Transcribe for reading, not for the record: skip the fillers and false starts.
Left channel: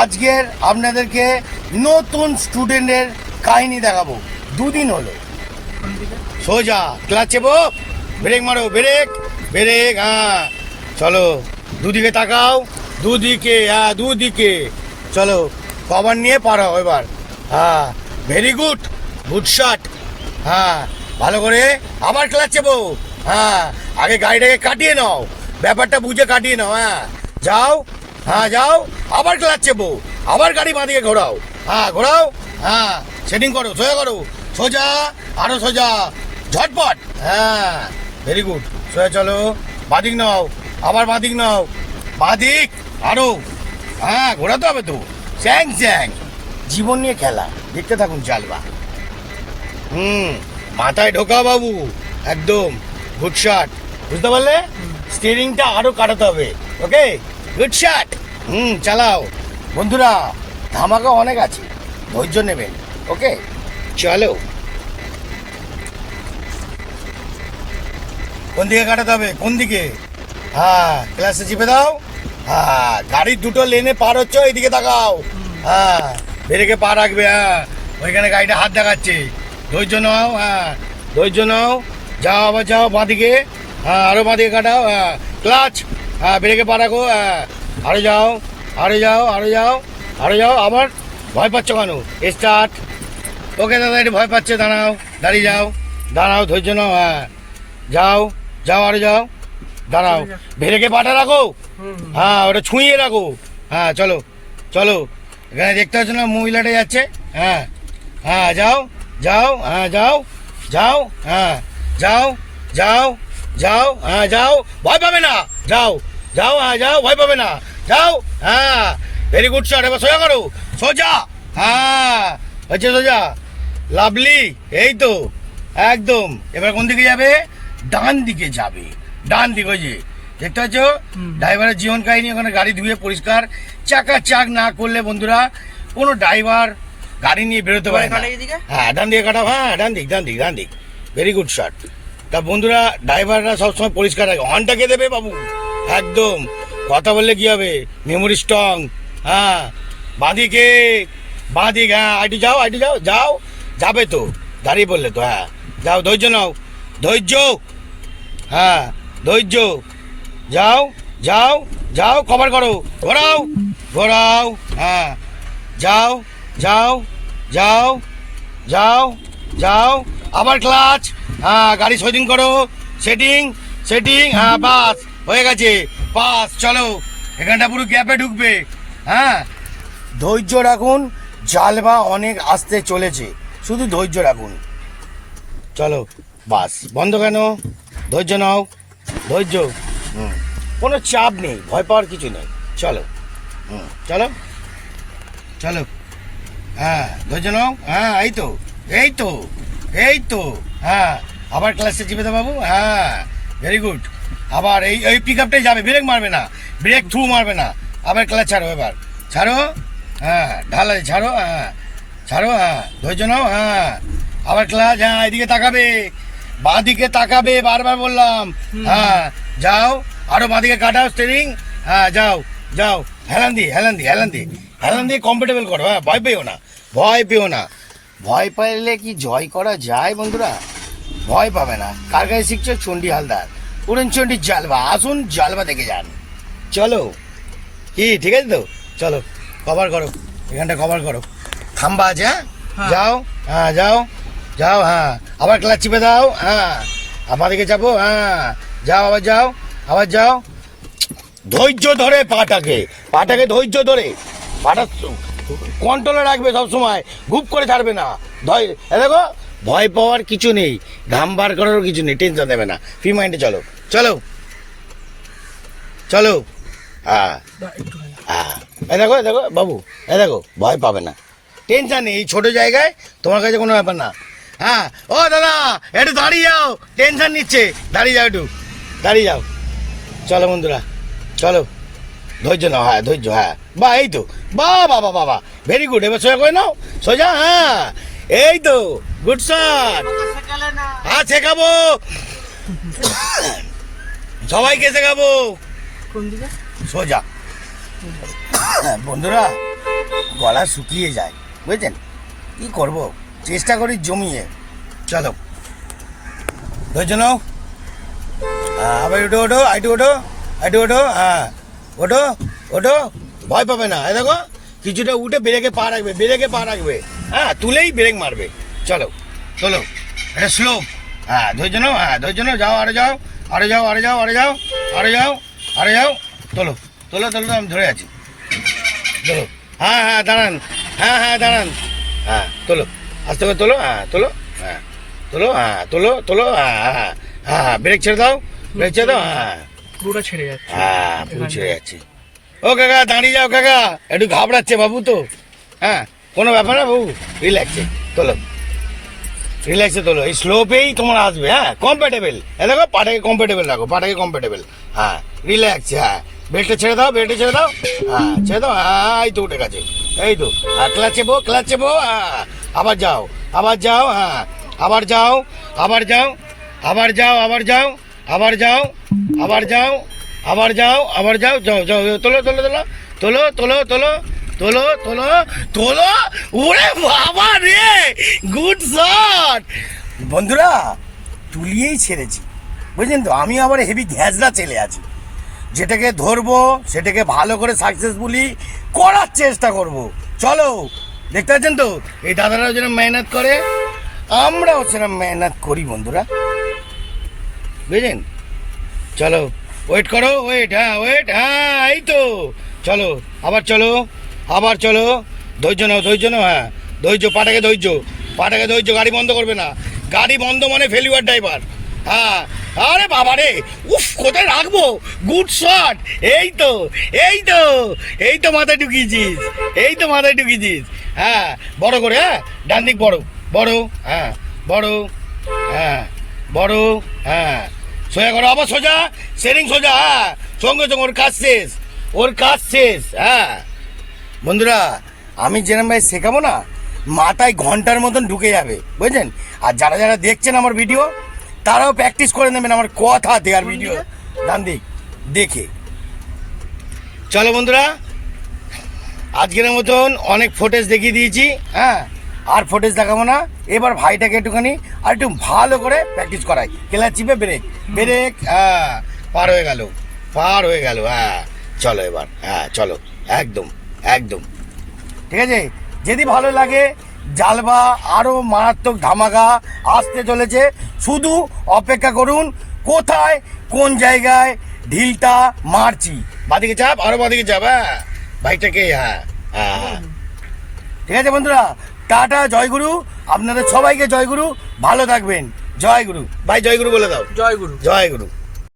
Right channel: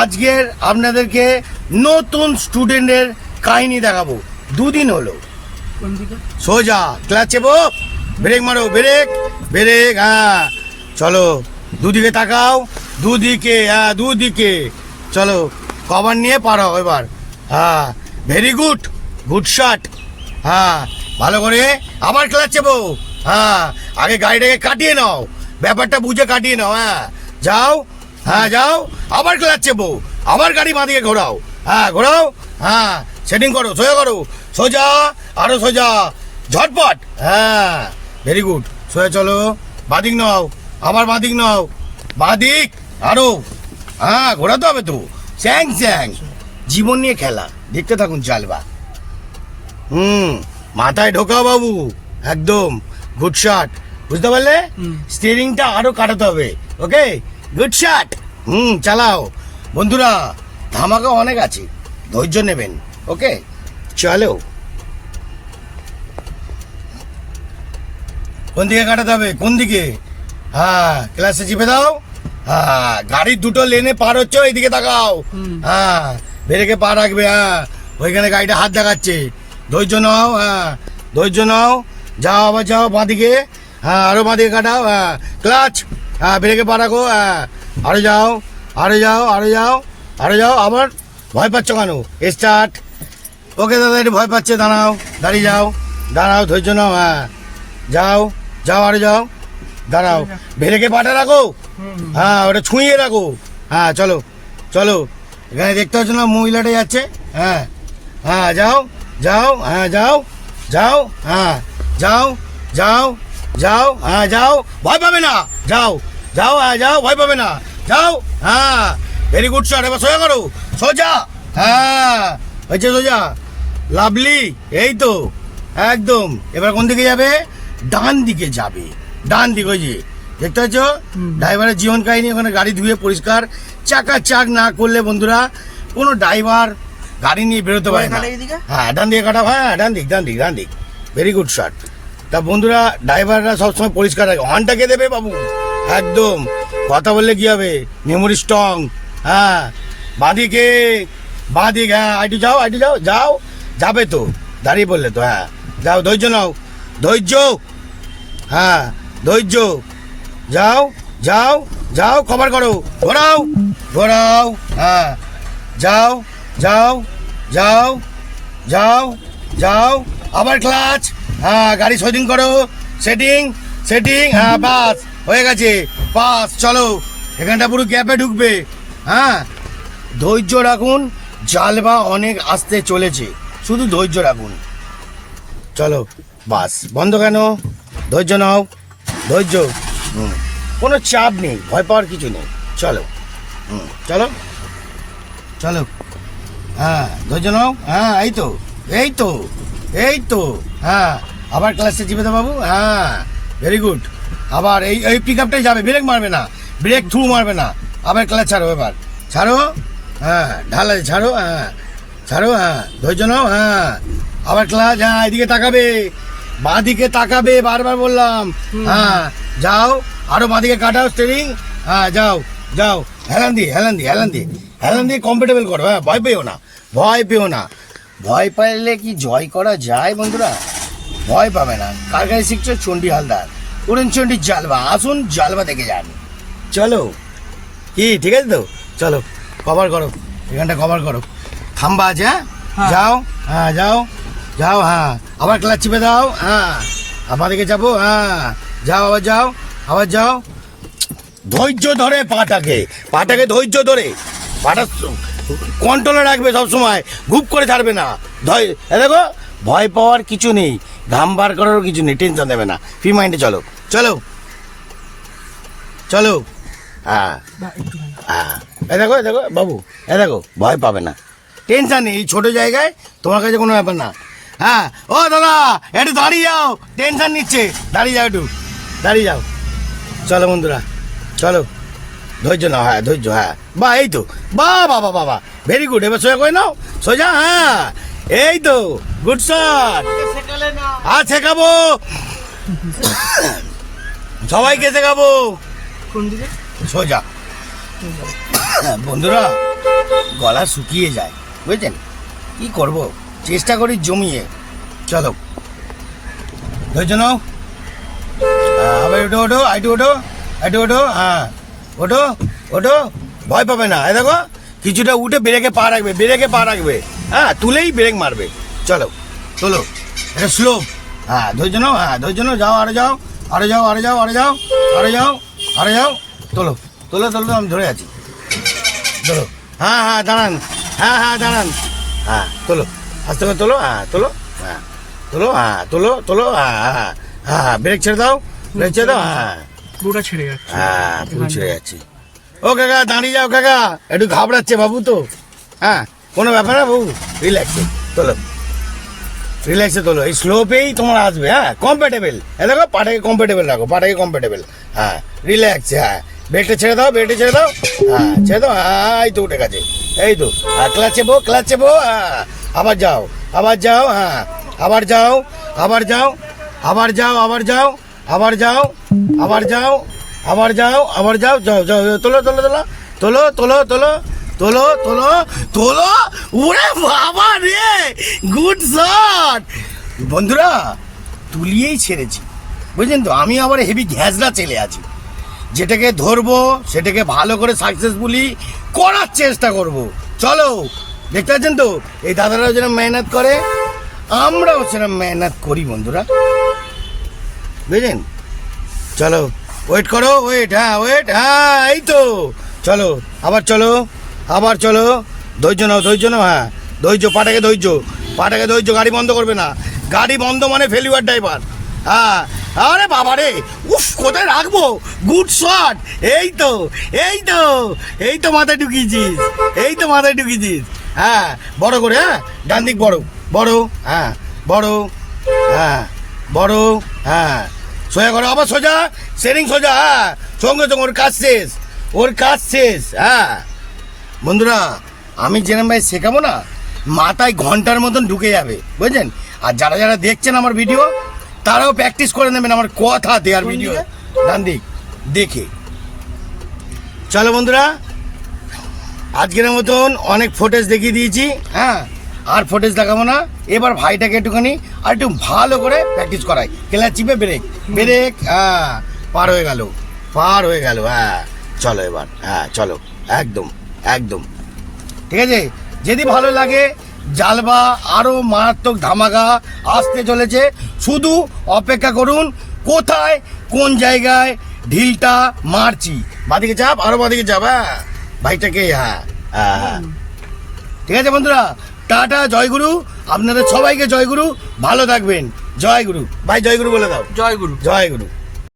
আজকের আপনাদেরকে নতুন স্টুডেন্টের কাহিনী দেখাবো। দুদিন হলো সোজা ক্লাস চেপো, ব্রেক মারো, ব্রেক ব্রেক, হ্যাঁ চলো দুদিকে তাকাও, দুদিকে, হ্যাঁ দুদিকে চলো, কভার নিয়ে পারাও এবার, হ্যাঁ ভেরি গুড, গুড শট, হ্যাঁ ভালো করে আবার ক্লাস চেপো, হ্যাঁ আগে গাড়িটাকে কাটিয়ে নাও, ব্যাপারটা বুঝে কাটিয়ে নাও, হ্যাঁ যাও, হ্যাঁ যাও, আবার ক্লাচ চেপো, আবার গাড়ি বাঁদিকে ঘোরাও, হ্যাঁ ঘোরাও, হ্যাঁ সেটিং করো, সোজা করো, সোজা, আরো সোজা, ঝটপট, হ্যাঁ ভেরি গুড, সোজা চলো, বাঁদিক নাও, আবার বাঁদিক নাও, বাঁদিক আরো, হ্যাঁ ঘোরাতে হবে তো, চ্যাং চ্যাং, জীবন নিয়ে খেলা, দেখতে থাকুন চালবা, মাথায় ঢোকাও বাবু, একদম গুড শট, বুঝতে পারলে? স্টিয়ারিংটা আরো কাটাতে হবে, ওকে গুড শট, চালাও বন্ধুরা, ধামাকা অনেক আছে, ধৈর্য নেবেন, ওকে চলো। কোন দিকে কাটাতে হবে, কোন দিকে, হ্যাঁ ক্লাসে চিপে দাও, হ্যাঁ গাড়ির দুটো লেনে পার হচ্ছে, ওইদিকে তাকাও, হ্যাঁ ব্রেকে পা রাখবে, হ্যাঁ ওইখানে গাড়িটা হাত দেখাচ্ছে, ধৈর্য নাও, হ্যাঁ ধৈর্য নাও, যাও আবার যাও বাঁদিকে, হ্যাঁ আরো বাঁদিকে কাটাও, হ্যাঁ ক্লাচ, হ্যাঁ ব্রেকে পা রাখো, হ্যাঁ আরো যাও, আরো যাও, আরো যাও, আরো যাও, আবার ভয় পাচ্ছ কেন, স্টার্ট, ওকে দাদা একটু ভয় পাচ্ছে, দাঁড়াও, দাঁড়িয়ে যাও, দাঁড়াও, ধৈর্য নাও, হ্যাঁ যাও যাও, আরো যাও, দাঁড়াও, ব্রেকে পাটা রাখো, হ্যাঁ ওটা ছুঁয়ে রাখো, হ্যাঁ চলো চলো, এখানে দেখতে পাচ্ছ না মহিলাটা যাচ্ছে, হ্যাঁ হ্যাঁ যাও যাও, হ্যাঁ যাও যাও, হ্যাঁ যাও যাও যাও, হ্যাঁ যাও, ভয় পাবে না, যাও যাও, হ্যাঁ যাও, ভয় পাবে না, যাও, হ্যাঁ ভেরি গুড শট, এবার সোজা করো, সোজা, হ্যাঁ হচ্ছে সোজা, লাভলি, এই তো একদম, এবার কোন দিকে যাবে, ডান দিকে যাবে, ডান দিকে, ওই যে দেখতে পাচ্ছ ড্রাইভারের জীবন কাহিনী, ওখানে গাড়ি ধুয়ে পরিষ্কার চাকা চাক না করলে বন্ধুরা কোনো ড্রাইভার গাড়ি নিয়ে বেরোতে পারে না, হ্যাঁ ডান দিকে কাটা, হ্যাঁ ডান দিক, ডান দিক, ডান দিক, ভেরি গুড শট। তা বন্ধুরা ড্রাইভাররা সবসময় পরিষ্কার রাখে, হর্নটা কে দেবে বাবু, একদম কথা বললে কি হবে, মেমোরি স্ট্রং, হ্যাঁ বাঁদিকে, বাঁদিক, হ্যাঁ আইটু যাও, আইটু যাও, যাও যাবে তো, দাঁড়িয়ে পড়লে তো, হ্যাঁ যাও, ধৈর্য নাও, ধৈর্য, হ্যাঁ ধৈর্য, যাও যাও যাও, কভার করো, ঘোরাও ঘোরাও, হ্যাঁ যাও যাও যাও যাও যাও, আবার ক্লাচ, হ্যাঁ গাড়ি সেটিং করো, সেটিং সেটিং, হ্যাঁ বাস হয়ে গেছে, পাস, চলো এখানটা পুরো গ্যাপে ঢুকবে, হ্যাঁ ধৈর্য রাখুন, জালবা অনেক আসতে চলেছে, শুধু ধৈর্য রাখুন, চলো বাস বন্ধ কেন, ধৈর্য নাও, ধৈর্য, কোনো চাপ নেই, ভয় পাওয়ার কিছু নেই, চলো চলো চলো, হ্যাঁ ধৈর্য নাও, হ্যাঁ এই তো এই তো এই তো, হ্যাঁ আবার ক্লাসে চিপে দাও বাবু, হ্যাঁ ভেরি গুড, আবার এই এই পিক আপটাই যাবে, ব্রেক মারবে না, ব্রেক থ্রু মারবে না, আবার ক্লাস ছাড়ো, এবার ছাড়ো, হ্যাঁ ঢালা ছাড়ো, হ্যাঁ ছাড়ো, হ্যাঁ ধৈর্য নাও, হ্যাঁ আবার ক্লাস, হ্যাঁ এদিকে তাকাবে, বাঁদিকে তাকাবে, বারবার বললাম, হ্যাঁ যাও, আরো বাঁদিকে কাটাও স্টিয়ারিং, হ্যাঁ যাও যাও, হেলান দিয়ে হেলান দিয়ে হেলান দিয়ে হেলান দিয়ে কমফোর্টেবল করো, হ্যাঁ ভয় পেও না, ভয় পেও না, ভয় পাইলে কি জয় করা যায় বন্ধুরা, ভয় পাবে না, কার গায়ে শিখছো, চণ্ডী হালদার, অরুণ চণ্ডী জালবা, আসুন জালবা দেখে যান, চলো কি ঠিক আছে তো, চলো কভার করো, এখানটা কভার করো, খাম্বা আছে, হ্যাঁ যাও, হ্যাঁ যাও যাও, হ্যাঁ আবার ক্লাচ চিপে দাও, হ্যাঁ আমাদেরকে যাবো, হ্যাঁ যাও আবার যাও, আবার যাও, ধৈর্য ধরে পাটাকে, পাটাকে ধৈর্য ধরে, পাটা কন্ট্রোলে রাখবে সবসময়, গুপ করে ছাড়বে না, দেখো ভয় পাওয়ার কিছু নেই, ঘাম বার করারও কিছু নেই, টেনশন নেবে না, ফ্রি মাইন্ডে চলো চলো চলো, হ্যাঁ হ্যাঁ এ দেখো দেখো বাবু, এ দেখো ভয় পাবে না, টেনশন নেই, এই ছোটো জায়গায় তোমার কাছে কোনো ব্যাপার না, হ্যাঁ ও দাদা একটু দাঁড়িয়ে যাও, টেনশন নিচ্ছে, দাঁড়িয়ে যাও, একটু দাঁড়িয়ে যাও, চলো বন্ধুরা চলো, ধৈর্য নাও, হ্যাঁ ধৈর্য, হ্যাঁ বা এই তো, বা বাবা বাবা ভেরি গুড, এবার সোজা করে নাও, সোজা, হ্যাঁ এই তো গুড শট, আর শেখাবো সবাইকে, শেখাবো সোজা, বন্ধুরা গলা শুকিয়ে যায়, বুঝছেন? কি করব, চেষ্টা করি জমিয়ে। চলো ধৈর্য নাও। আবার ওঠো ওঠো, আইটু ওঠো, আইটু ওঠো, হ্যাঁ ওঠো ওঠো, ভয় পাবে না। এই দেখো কিছুটা উঠে ব্রেকে পা রাখবে, ব্রেকে পা রাখবে, হ্যাঁ তুলেই ব্রেক মারবে। চলো তোলো, এটা স্লো। হ্যাঁ ধৈর্য নাও, হ্যাঁ ধৈর্য নাও, যাও আরে যাও, আরে যাও, আরে যাও, আরে যাও, আরে যাও, আরে যাও, তোলো তোলো তোলো, আমি ধরে আছি। তোলো, হ্যাঁ হ্যাঁ দাঁড়ান, হ্যাঁ হ্যাঁ দাঁড়ান, হ্যাঁ তোলো, আস্তে করে তোলো, হ্যাঁ তোলো, হ্যাঁ তোলো, হ্যাঁ তোলো তোলো, হ্যাঁ হ্যাঁ হ্যাঁ, ব্রেক ছেড়ে দাও, ব্রেক ছেড়ে দাও, হ্যাঁ পুরোটা ছেড়ে যাচ্ছে। হ্যাঁ পুরো ছেড়ে যাচ্ছে। ও কাকা দাঁড়িয়ে যাও কাকা, একটু ঘাবড়াচ্ছে বাবু তো। হ্যাঁ কোনো ব্যাপার না বাবু, রিল্যাক্সে তোলো, রিল্যাক্সে তোলো। এই স্লোপেই তোমার আসবে, হ্যাঁ কমফর্টেবল। এ দেখো পাটাকে কমফর্টেবল রাখো, পাটাকে কমফর্টেবল, হ্যাঁ রিল্যাক্স, হ্যাঁ বেল্টটা ছেড়ে দাও, বেল্টে ছেড়ে দাও, হ্যাঁ ছেড়ে দাও, হ্যাঁ এই তো উঠে গেছে, এই তো। আর ক্লাচ চেপো, ক্লাচ চেপো, হ্যাঁ আবার যাও, আবার যাও, হ্যাঁ আবার যাও, আবার যাও, আবার যাও, আবার যাও, আবার যাও, আবার যাও, আবার যাও, আবার যাও, যাও যাও, তোলো তোলো তোলো তোলো তোলো তোলো তোলো তোলো তোলো। ওরে বাবা রে, গুড শট বন্ধুরা, তুলিয়েই ছেড়েছি, বুঝলেন তো? আমি আবার হেভি ঘ্যাজরা চলে আছি, যেটাকে ধরবো সেটাকে ভালো করে সাকসেসফুলি করার চেষ্টা করব। চলো দেখতে পাচ্ছেন তো, এই দাদারাও যেরকম মেহনত করে, আমরাও সেরকম মেহনত করি বন্ধুরা, বুঝলেন? চলো ওয়েট করো, ওয়েট, হ্যাঁ ওয়েট, হ্যাঁ এই তো। চলো আবার চলো, আবার চলো, ধৈর্য নাও, ধৈর্য নাও, হ্যাঁ ধৈর্য, পাটাকে ধৈর্য, পাটাকে ধৈর্য, গাড়ি বন্ধ করবে না, গাড়ি বন্ধ মানে ফেলিওয়ার ড্রাইভার। হ্যাঁ আরে বাবা রে, উফ কোথায় রাখবো, গুড শট, এই তো এই তো, এই তো মাথায় ঢুকিয়েছিস, এই তো মাথায় ঢুকিয়েছিস, হ্যাঁ বড় করে, হ্যাঁ ডান দিক বড়, বড়, হ্যাঁ বড়, হ্যাঁ বড়, হ্যাঁ সোজা করো, আবার সোজা, সেরিং সোজা, হ্যাঁ সঙ্গে সঙ্গে ওর কাজ শেষ, ওর কাজ শেষ। হ্যাঁ বন্ধুরা আমি যেরকম ভাই শেখাবো না, মাথায় ঘন্টার মতন ঢুকে যাবে, বুঝলেন? আর যারা যারা দেখছেন আমার ভিডিও, তারাও প্র্যাকটিস করে নেবেন আমার কথা দেওয়ার ভিডিও, ডান দিক দেখে। চলো বন্ধুরা, আজকের মতন অনেক ফুটেজ দেখিয়ে দিয়েছি, হ্যাঁ আর ফুটেজ দেখাবো না। এবার ভাইটাকে একটুখানি আর একটু ভালো করে প্র্যাকটিস করাই, ক্লাচ চিপে ব্রেক, ব্রেক, হ্যাঁ পার হয়ে গেল, পার হয়ে গেল, হ্যাঁ চলো এবার, হ্যাঁ চলো, একদম একদম ঠিক আছে। যদি ভালো লাগে, জালবা আরো মারাত্মক ধামাকা আসতে চলেছে, শুধু অপেক্ষা করুন। কোথায় কোন জায়গায় ঢিলটা মারছি, বাদিকে চাপ, আরো বাদিকে চাপ, হ্যাঁ বাইকটাকে, হ্যাঁ হ্যাঁ ঠিক আছে বন্ধুরা, টাটা, জয়গুরু, আপনাদের সবাইকে জয়গুরু, ভালো থাকবেন, জয়গুরু ভাই, জয়গুরু বলে দাও, জয় গুরু। জয়গুরু।